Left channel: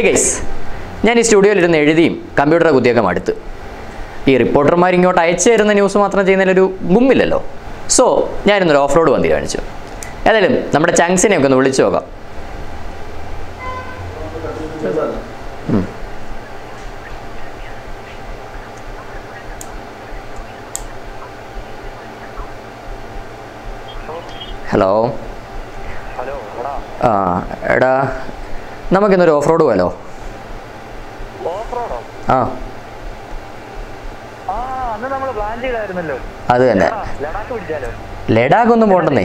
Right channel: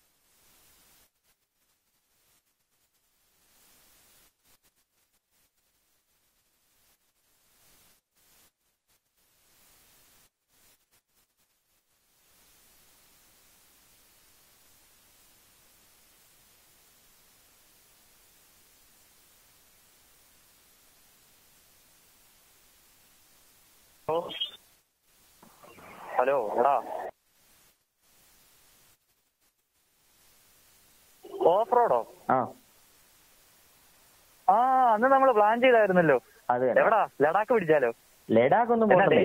Hi guys, ഞാൻ ഈ സ്റ്റുഡിയോയിലിരുന്ന് എഴുതിയും കമ്പ്യൂട്ടറെ കുത്തിയൊക്കെ മടുത്ത്. ഈ റിപ്പോർട്ടർമാർ ഇങ്ങോട്ട് അയച്ചു തരുന്ന ന്യൂസ് മാത്രം ചെയ്യുന്നതിലൊരു ഗുമ്മില്ലല്ലോ. സോ ഞാനിന്നൊരു ഓഫ് റോഡ് വണ്ടി കാണിച്ചു. ഏതായാലും നമ്മുടെ ചങ്സിനെയൊക്കെ ഒന്ന് വിളിച്ചു നോക്കാം. ഹലോ ഹലോ എടാ, നമുക്കിന്നൊരു ഓഫ് റോഡ് പോയാലോ? ഓഫ് റോഡോ? അന്ന് നമ്മൾ പ്ലാൻ ചെയ്തായിരുന്നല്ലോ. അത് തന്നെ, ലഡാക്ക് പിടിച്ചാലോ? ലഡാക്ക് ഒന്നും പോകണ്ടേ,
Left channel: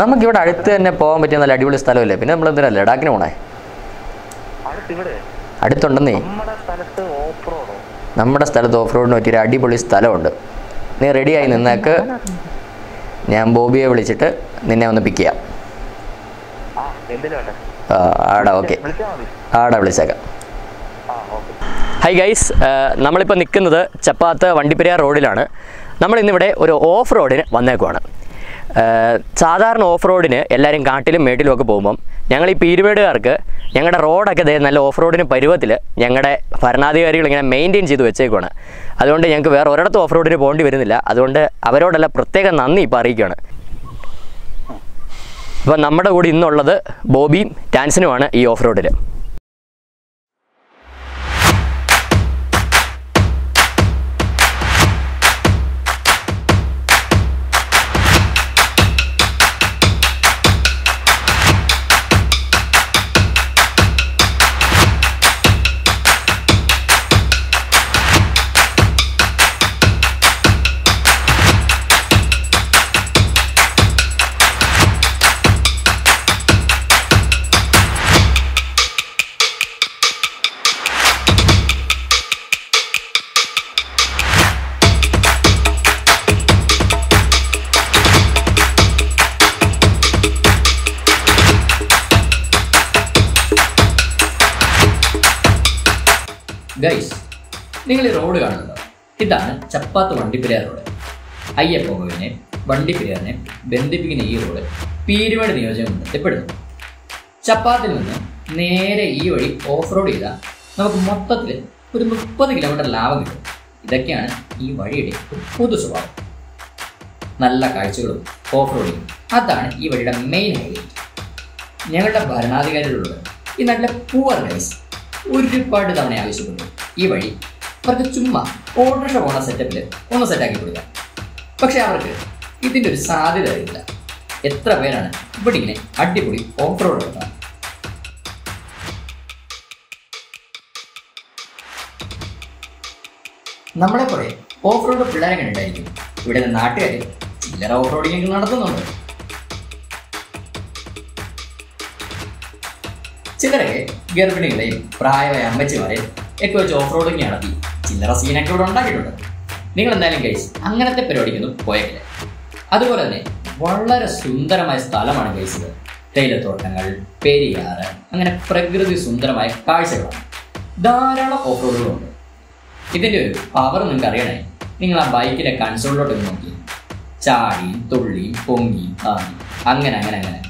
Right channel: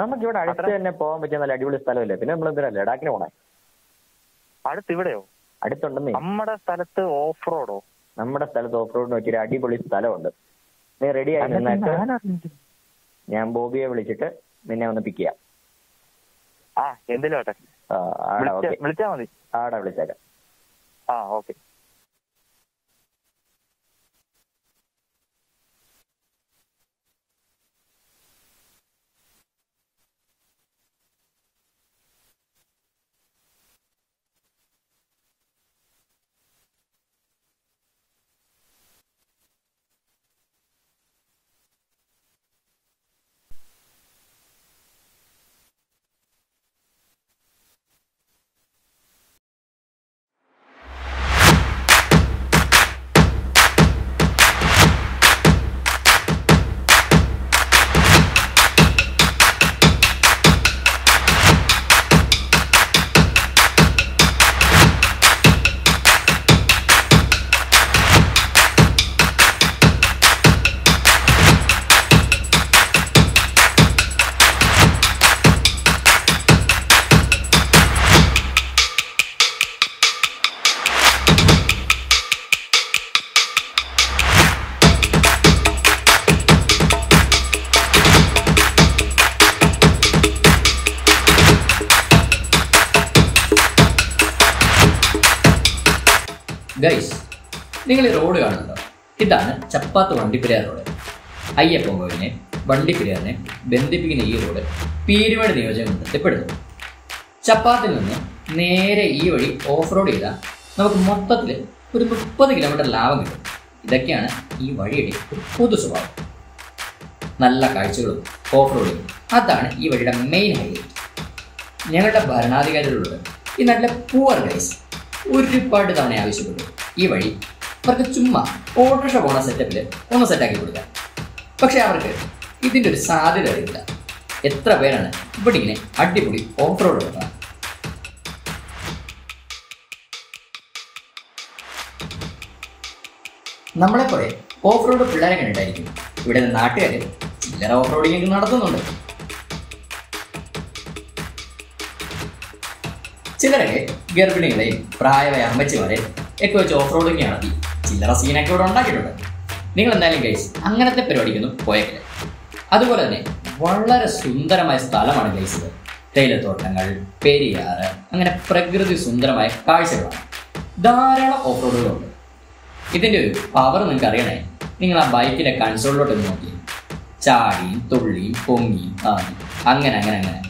നമുക്കിവിടെ അടുത്ത് തന്നെ പോകാൻ പറ്റിയ നല്ല അടിപൊളി സ്ഥലമല്ലേ. പിന്നെ നമ്മൾ എന്തിനാ ലഡാക്കിന് പോണേ? അടുത്തുണ്ടെന്നേ നമ്മുടെ സ്ഥലത്ത് ഓഫ് റോഡോ? നമ്മുടെ സ്ഥലത്ത് ഓഫ് റോഡിന് പറ്റിയൊരു അടിപൊളി സ്ഥലമുണ്ട്. നീ റെഡിയായി നിന്നേക്ക്, ഞാൻ ബോബിയെ വിളിച്ചിട്ട് നിന്നെ ഒന്ന് പിക്ക് ചെയ്യാം. ആടാ വിളിച്ചേക്കാം. ഹായ് ഗൈസ്, നമ്മളിപ്പോൾ നിൽക്കുന്നത് ചപ്പാത്ത് വണ്ടിപ്പെരിയാർ റോഡിലാണ്. നമ്മളിന്നിവിടെ ഒരു ഓഫ് റോഡിന് വന്നേക്കുവാണ്. സാധാരണ ഓഫ് റോഡിന് എല്ലാവരും കാട്ടിലും മേട്ടിലും ഒക്കെ പോകുമ്പം ഞങ്ങൾ ഈ പീരുമേടുകാർക്ക് ഞങ്ങളുടെ റോഡൊക്കെ നല്ല ഓഫ് റോഡിന് പരുവത്തിൽ ഞങ്ങളുടെ ഭരണാധികാരികൾ ഇങ്ങനെ മെയിൻറ്റെയിൻ ചെയ്ത് വെച്ചേക്കുവാണ്. അതുകൊണ്ട് ഞങ്ങൾക്ക് വേറെ ഒരിടത്തും ഓഫ് റോഡിന് പോകേണ്ടി വരുന്നില്ല. അതുകൊണ്ട് അവരോടെല്ലാം പ്രത്യേകം നന്ദി ഇപ്പോൾ അറിയിക്കുകയാണ്. അപ്പോൾ നമ്മുടെ കൂടെ ഇന്നുള്ളത് ബോബിയും ടാൻസിനുമാണ് ഈ ഓഫ് റോഡിൽ. ഗൈസ്, നിങ്ങൾ ഈ റോഡ് കാണുന്നുണ്ടോ? ഇതാണ് ചപ്പാത്ത് വണ്ടിപ്പെരിയാർ റോഡ്. അയ്യപ്പൻകോവിലിനെ വണ്ടിപ്പെരിയാറിനെ ബന്ധിപ്പിക്കുന്ന ഈ റോഡ് പീരുമേട് നിയോജകമണ്ഡലത്തിൽ പെടുന്നു. ചപ്പാത്തിൽ നിന്ന് നേരെ ഈ വഴി ഓഫ് റോഡ് ചെയ്താൽ നമുക്ക് മൊത്തത്തിൽ ഒരു 30 കിലോമീറ്റർ ലാഭം കിട്ടും. ഇതൊക്കെയാണ് ഈ വഴിയുടെ ഒരു പൊതു സ്വഭാവം. നല്ല കാഴ്ചകളും ഓഫ് റോഡിങ്ങും, അതാണ് ഈ വഴിയുടെ മെയിൻ ഹൈലൈറ്റ്. ഞങ്ങളുടെ ഭരണാധികാരികളോട് ഈ നാട്ടിലെ പൂവർ ഗൈസ് ഒരുപാട് തവണ ആവശ്യപ്പെട്ടു ഈ വഴി അവർക്ക് ചുമ്മാ ഓട്ടോറിക്ഷ പോണ സെറ്റപ്പിൽ ഒന്ന് സെറ്റാക്കി കൊടുക്കാൻ. പക്ഷെ അവർക്ക് ഇതിൻ്റെ ഒരു സാധ്യത അറിയില്ല. എത്ര പേരാണ് ഇവിടെ ഇങ്ങനെ അടിപൊളി ഓഫ് റോഡ് എടുക്കുക? നമ്മളെപ്പോലെ ഓഫ് റോഡ് പിള്ളേരെ കണ്ടിട്ടായിരിക്കും ഇവിടെ നാട്ടുകാർ ചില്ലറ ഓഫ് റോഡിങ് നടത്തുന്നുണ്ട്. ചിലരൊക്കെ ഗർഭിണികളെയും പ്രായമായ അമ്മച്ചിമാരെ ഒക്കെ വെച്ച് ഓഫ് റോഡിങ് നടത്തി ചില്ലറ സീനൊക്കെ ഇവിടെ ഉണ്ടാക്കിയിട്ടുണ്ട്. നിങ്ങൾ എന്തായാലും ഗൈസ് അങ്ങനത്തെ പരിപാടിക്കൊന്നും പോയേക്കില്ല. അതുപോലെ തന്നെ വളരെ സുന്ദരമായ സ്ഥലമാണ് ഗൈസ് ഇത്. തേയിലത്തോട്ടങ്ങൾ, പെരിയാറ്, അങ്ങനെ പ്രകൃതി സുന്ദരമായ കാഴ്ചകളാണ്. ധാരാളം ഓഫ് റോഡുകളുണ്ട്. ഇതിൻ്റെ ഒരു പവർ നിങ്ങൾക്ക് അറിയണേ, നിങ്ങൾ ആ ബൈക്കിൻ്റെ കൺസോളിലോട്ട് നോക്കി ചാടിയും തുള്ളിയും പൊങ്ങിയും അങ്ങനെ അങ്ങനെ അങ്ങനെ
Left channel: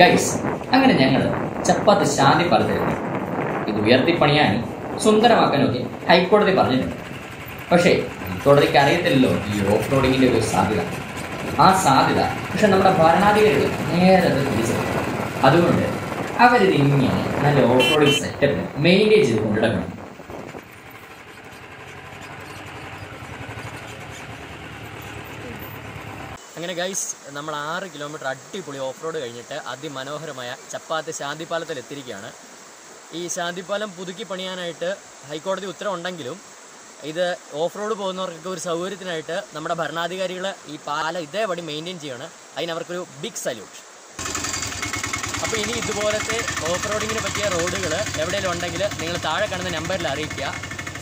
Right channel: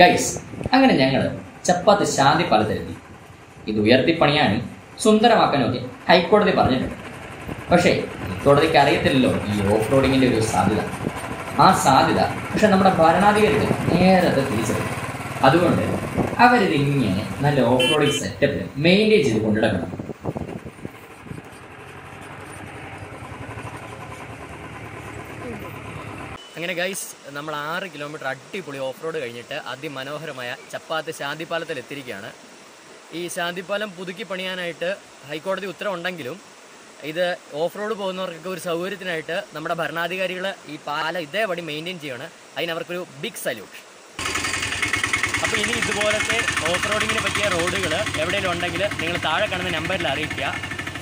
ഗൈസ്, അങ്ങനെ ഞങ്ങൾ ചപ്പാത്ത് ശാന്തി പാലത്തിലെത്തി. ഇത് ഉയർത്തിപ്പണിയാനും സുന്ദരമാക്കാനും ഒക്കെ ഹൈക്കോടതി പറഞ്ഞിട്ടുണ്ട്. പക്ഷേ ഹൈക്കോടതിക്ക് അറിയത്തില്ലല്ലോ ഈ ഓഫ് റോഡിങ്ങിൻ്റെ ഒരു സാധ്യത. ആ സാധ്യത പക്ഷെ നമ്മുടെ ഭരണാധികാരികൾ നേരത്തെ തിരിച്ചറിയും. അതുകൊണ്ട് അവരിതിങ്ങനെ നല്ല ഓഫ് റോഡിങ് സെറ്റപ്പിൽ മെയിൻറ്റെയിൻ ചെയ്ത് കൊണ്ടുനടക്കണം. അങ്ങനെ ഗൈസ്, നമ്മൾ 6 കിലോമീറ്റർ അടിപൊളി ഓഫ് റോഡ് കഴിഞ്ഞിട്ട് അതിമനോഹരമായ ചപ്പാത്ത് ശാന്തിപാലത്തിൽ എത്തിയിരിക്കുകയാണ്. ഈ ശാന്തിപാലം പുതുക്കി പണിയാനായിട്ട് ഹൈക്കോടതി ഉത്തരവുണ്ടെങ്കിലും ഇത് ഓഫ് റോഡ് പോകുന്നവർക്കൊക്കെ ഒരു സൗകര്യത്തിനായിട്ട് നമ്മുടെ ഭരണാധികാരികൾ ഈ പാലം ഇതേപടി മെയിൻറ്റെയിൻ ചെയ്യണം. അതിനവർക്കൊരു ബിഗ് സല്യൂട്ട്. അപ്പോൾ ഇനി ഇതുപോലത്തെ ഓഫ് റോഡിങ്ങിന് പറ്റിയ റോഡുകൾ എവിടെയെങ്കിലും ഉണ്ടെങ്കിൽ നിങ്ങൾ താഴെ കാണുന്ന നമ്പറിൽ അറിയിക്കുക.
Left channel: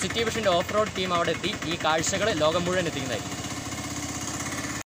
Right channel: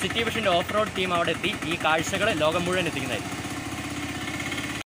സിറ്റി വിഷൻ്റെ ഓഫ് റോഡ് ടീം അവിടെ എത്തി ഈ കാഴ്ചകൾ ലോകം മുഴുവൻ എത്തിക്കുന്നതായിരിക്കും.